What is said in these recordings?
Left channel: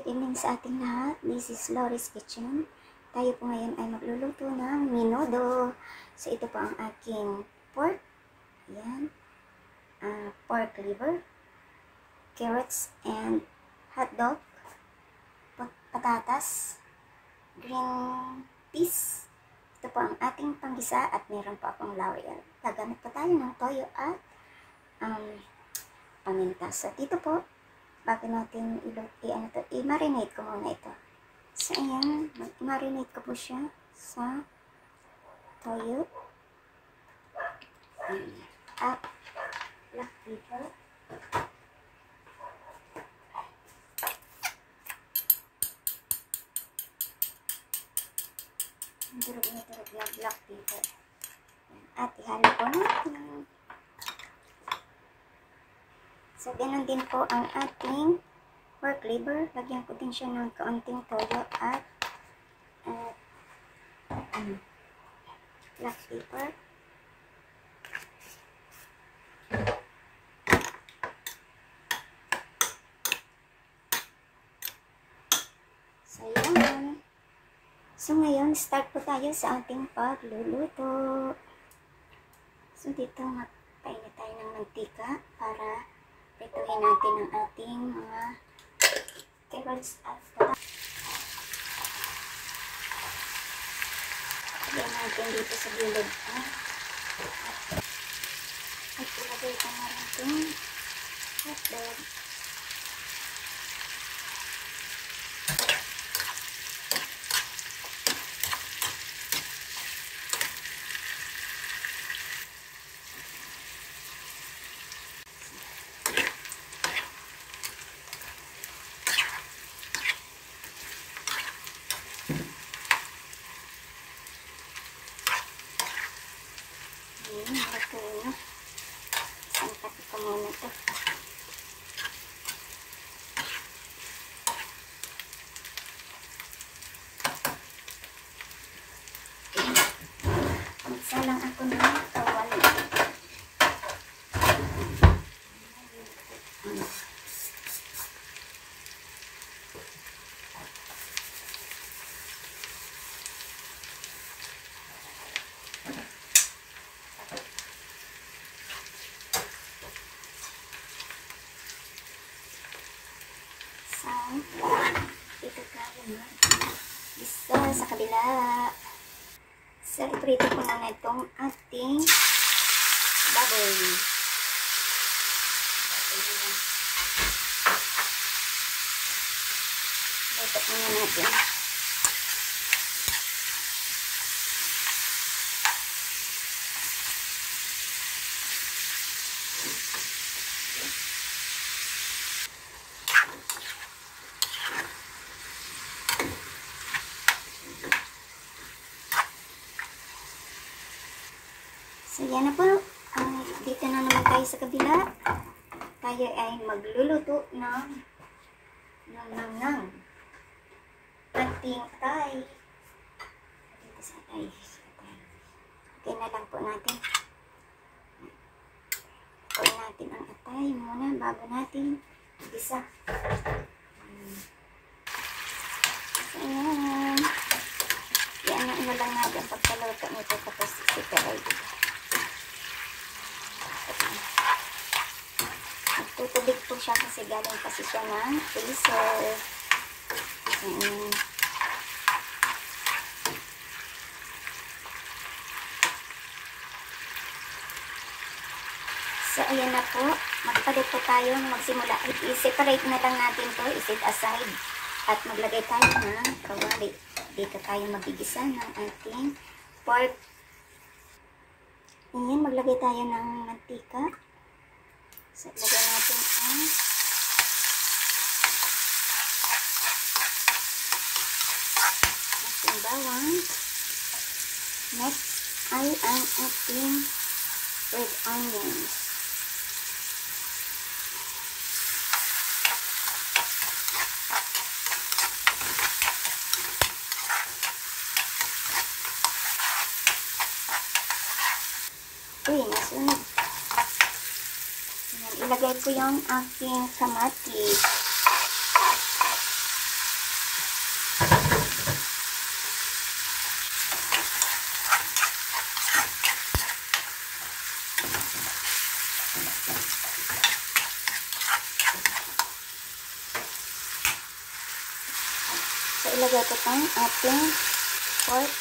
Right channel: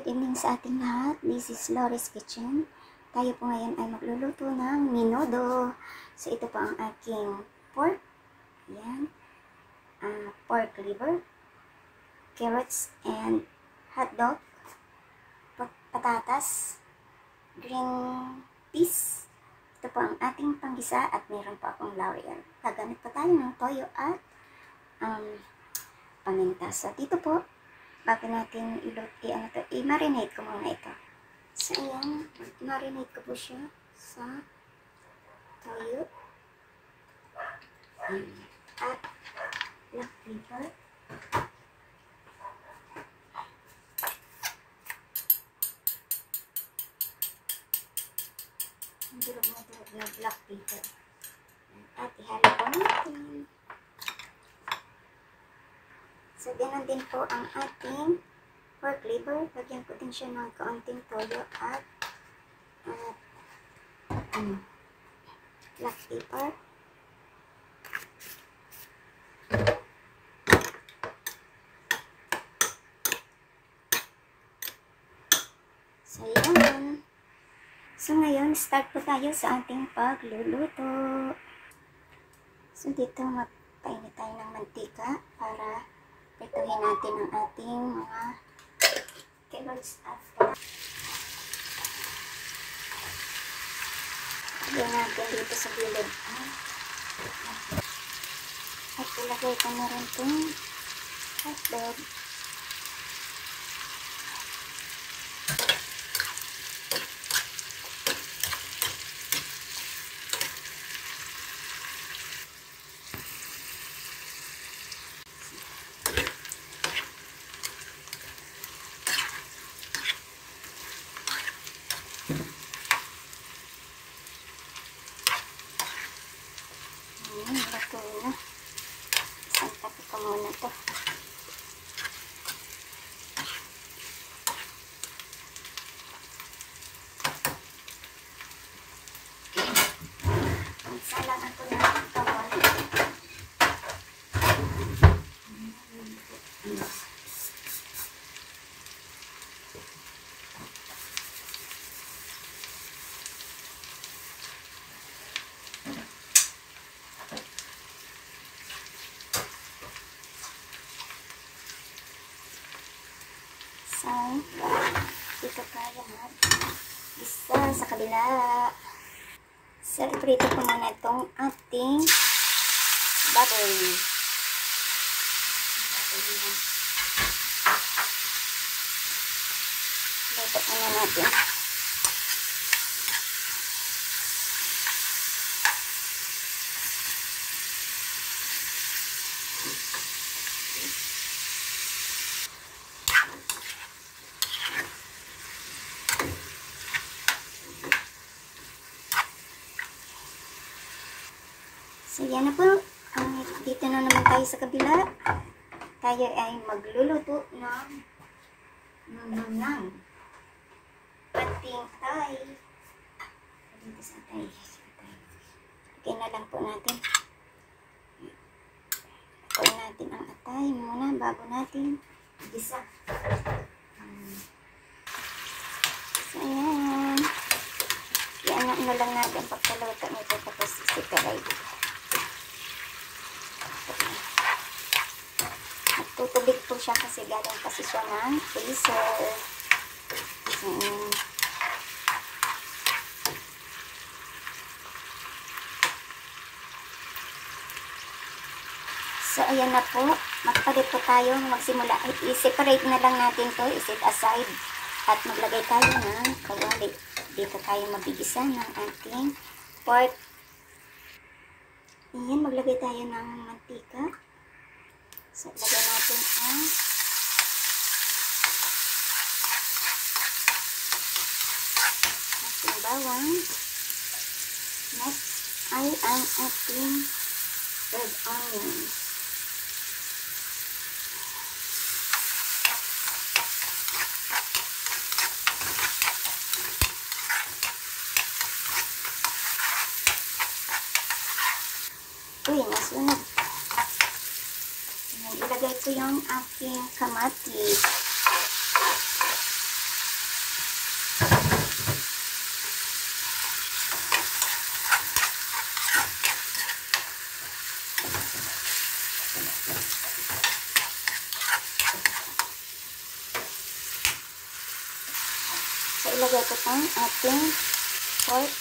Good evening sa ating lahat. This is Lori's Kitchen. Tayo po ngayon ay magluluto ng menudo. So, ito po ang aking pork. Ayan. Pork liver, carrots, and hotdog, patatas, green peas. Ito po ang ating panggisa at meron po akong laurel. Gagamit po tayo ng toyo at paminta. So, dito po, bago natin i-marinate ko muna ito. So, ayan, marinate ko po siya sa toyo at black pepper. Durog na durog ng black pepper. At ihalo po natin. So, ganun din po ang ating pork liver. Lagyan ko din siya ng kaunting toyo at black pepper. So, yan. So, ngayon, start po tayo sa ating pagluluto. So, dito magpainit tayo ng mantika para prituhin natin ang ating mga carrots at lagyan natin dito sa gilid at ilagay ko na rin itong hotdog. Santapi ko muna ito. Magsalang ako ng kawali. So, dito tayo mag-isa sa kabila. So, iprito ko muna itong ating baboy. Luto muna natin. So, yan na po. Dito na naman tayo sa kabila. Tayo ay magluluto ng ating atay. Dito sa atay. Okay na lang po natin. Lutuin natin ang atay muna bago natin isa. So, ayan. Yan na lang natin pagkaluto nito tapos separate. Tutubig po siya kasi galing kasi siya ng freezer. So, ayan na po. Magpalit po tayo. Magsimula. I-separate na lang natin to. I-set aside. At maglagay tayo ng kawali. Dito tayo magigisa ng ating pork. Ayan, maglagay tayo ng mantika. So, lagyan natin ang ating bawang. Next ay ang ating red onions. Uy, nasunod. Ilagay ko yung aking kamatis. ilagay ko itong ating pork.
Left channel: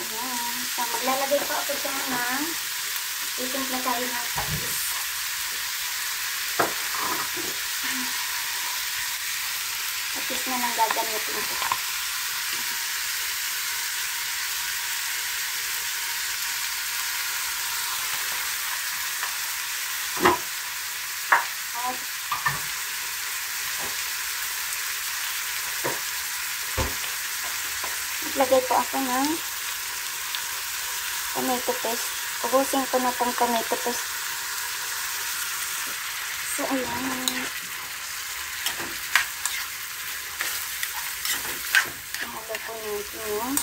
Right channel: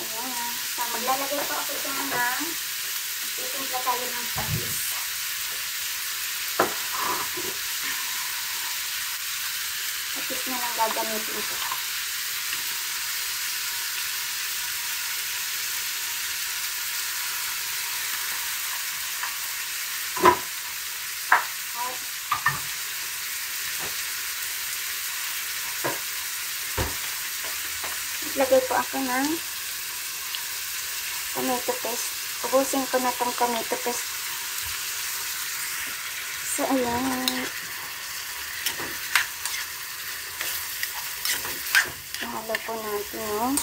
Ayan. So, maglalagay ko ako ito ng itimpla tayo ng patis. Patis na lang gagamitin ko. Lagay ko ako ng tomato paste. Ubusin ko na tong tomato paste. So, ayan. Ihalo ko natin yun.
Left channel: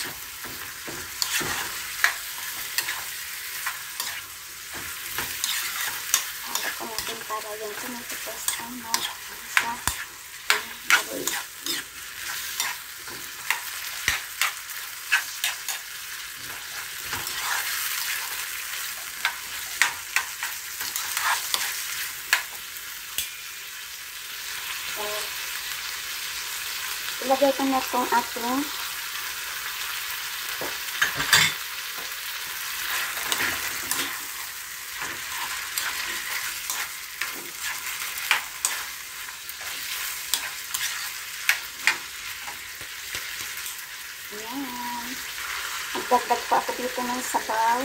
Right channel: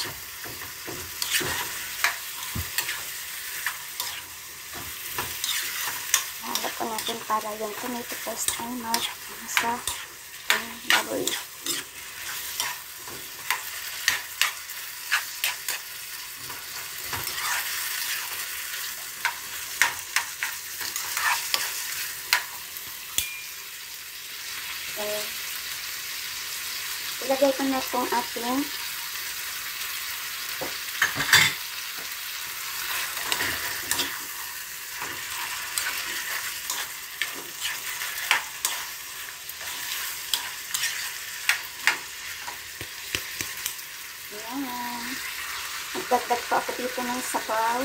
Ihalo ko natin para yung tomato paste ay sa baboy. Ilagay ko na itong ating ayan. Magdagdag po ako dito ng sabaw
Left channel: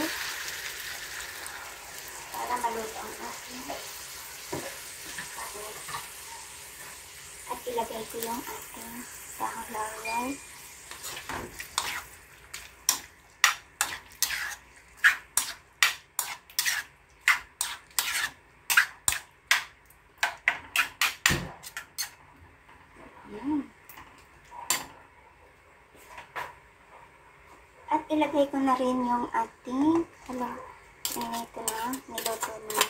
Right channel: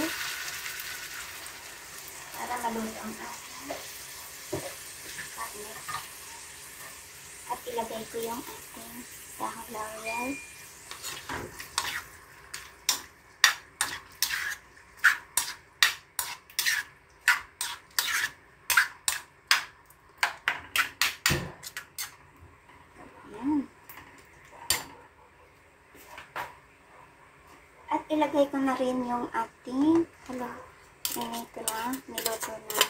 para maluto ang ating kanin. At ilagay ko yung ating dahon laurel. At ilagay ko na rin yung ating niluto na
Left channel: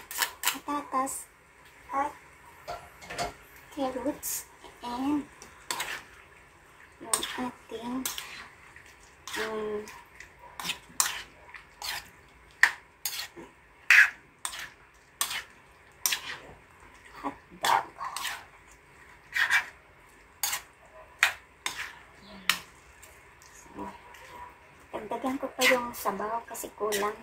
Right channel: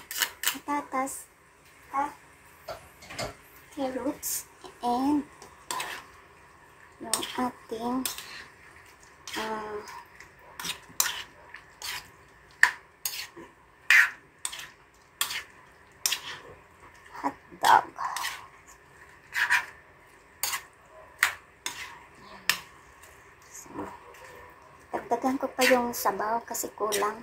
patatas at carrots and yung ating hotdog. So, dagdagan ko pa yung sabaw kasi kulang.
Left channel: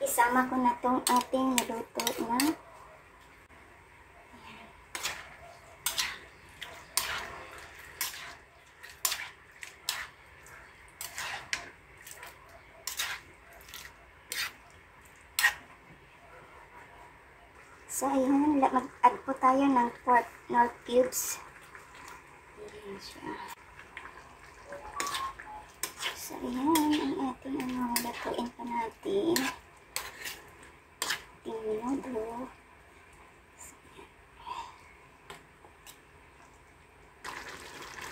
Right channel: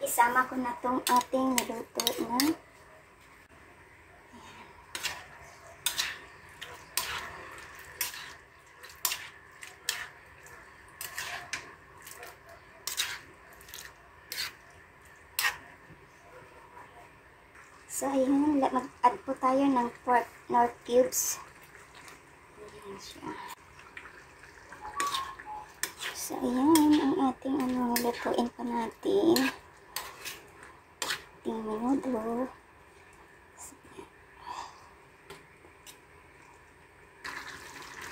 Isama ko na tong ating niluto na so ayan, mag-add po tayo ng pork nor cubes. Ayan siya. So ayan ang ating lutuin pa natin. Minudo.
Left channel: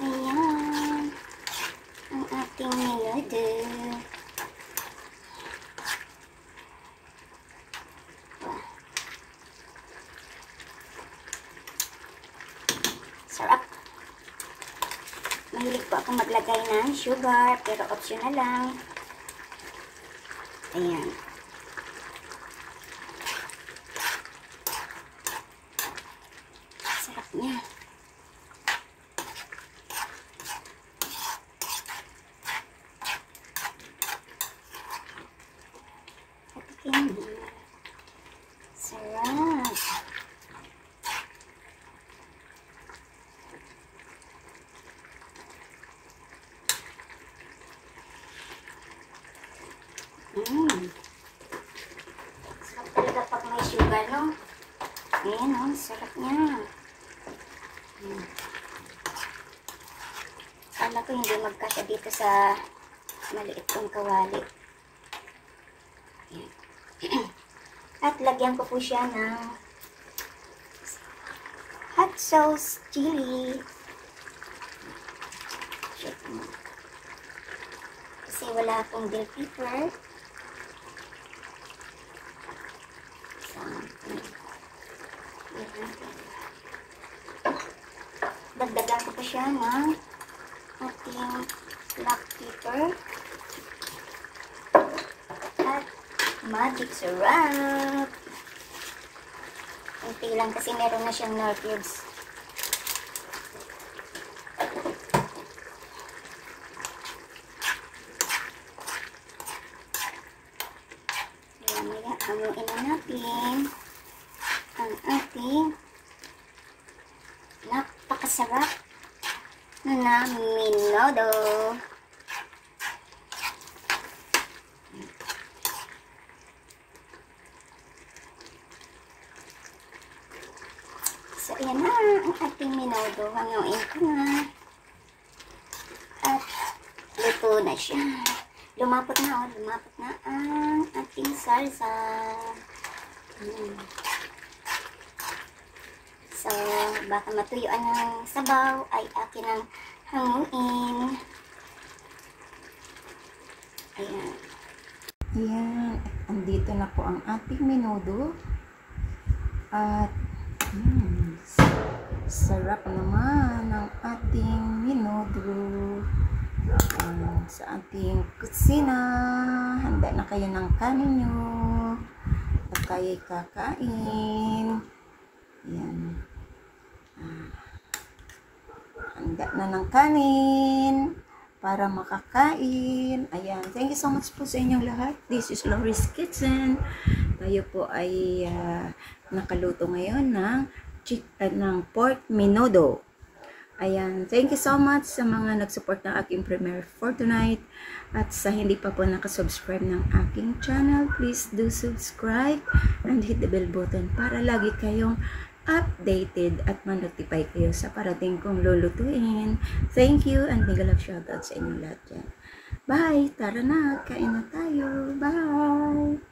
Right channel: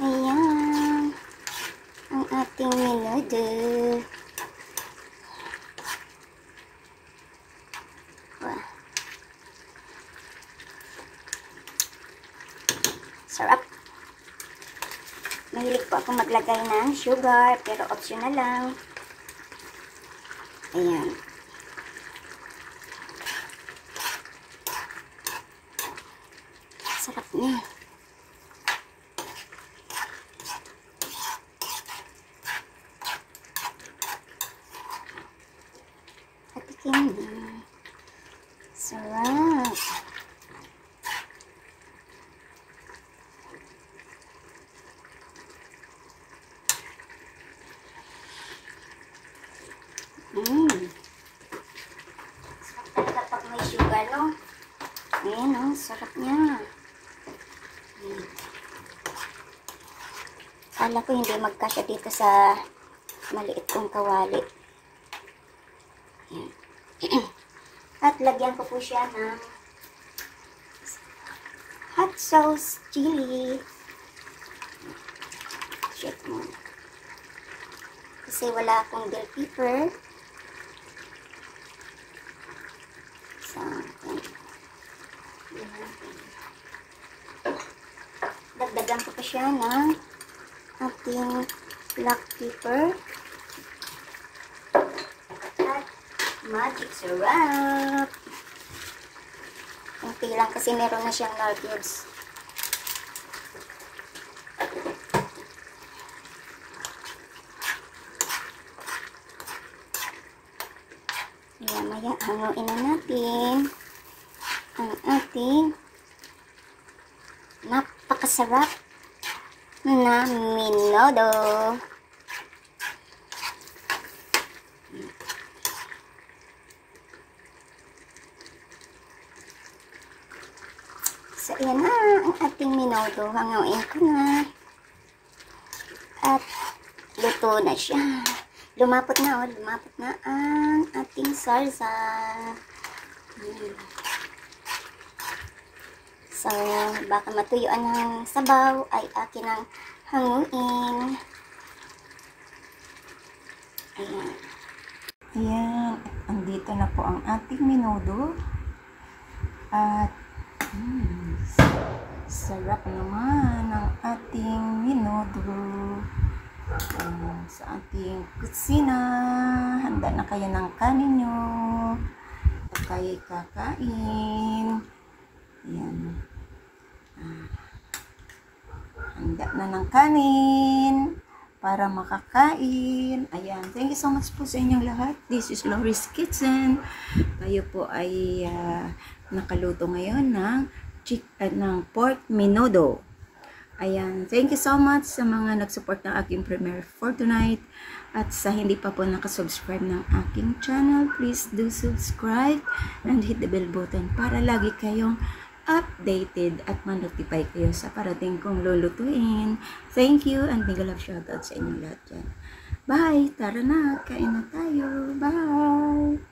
Ayan ang ating minudo. Wow. Sarap. Mahilig po ako maglagay ng sugar pero optional lang. Ayan. Sarap niya. Patikin din. Sarap. Sarap talaga pag may sugar, no? Ayan, sarap niya. Kala ko hindi magkasya dito sa maliit kong kawali. At lagyan ko po siya ng hot sauce chili. Shake mo. Kasi wala akong bell pepper. Lalagyan ko pa siya ng ating black pepper at magic syrup. Kunti lang kasi meron na siyang nor cubes. Maya hanguin na natin ang ating napakasarap na menudo. So, yan na ang ating menudo. Hanguin ko na. At luto na siya. Lumapot na, oh. Lumapot na ang ating salsa. So, baka matuyuan ng sabaw ay akin ang hanguin. Ayan. Ayan. Andito na po ang ating menudo. At sarap naman ang ating menudo. Sa ating kusina. Handa na kayo ng kanin nyo. At kayo'y kakain. Ayan. Handa na ng kanin para makakain. Ayan. Thank you so much po sa inyong lahat. This is Lori's Kitchen. Tayo po ay nakaluto ngayon ng pork menudo. Ayan. Thank you so much sa mga nag-support ng aking premiere for tonight. At sa hindi pa po nakasubscribe ng aking channel, please do subscribe and hit the bell button para lagi kayong updated at ma-notify kayo sa parating kong lulutuin. Thank you and mega love shoutout sa inyo lahat dyan. Bye! Tara na! Kain na tayo! Bye!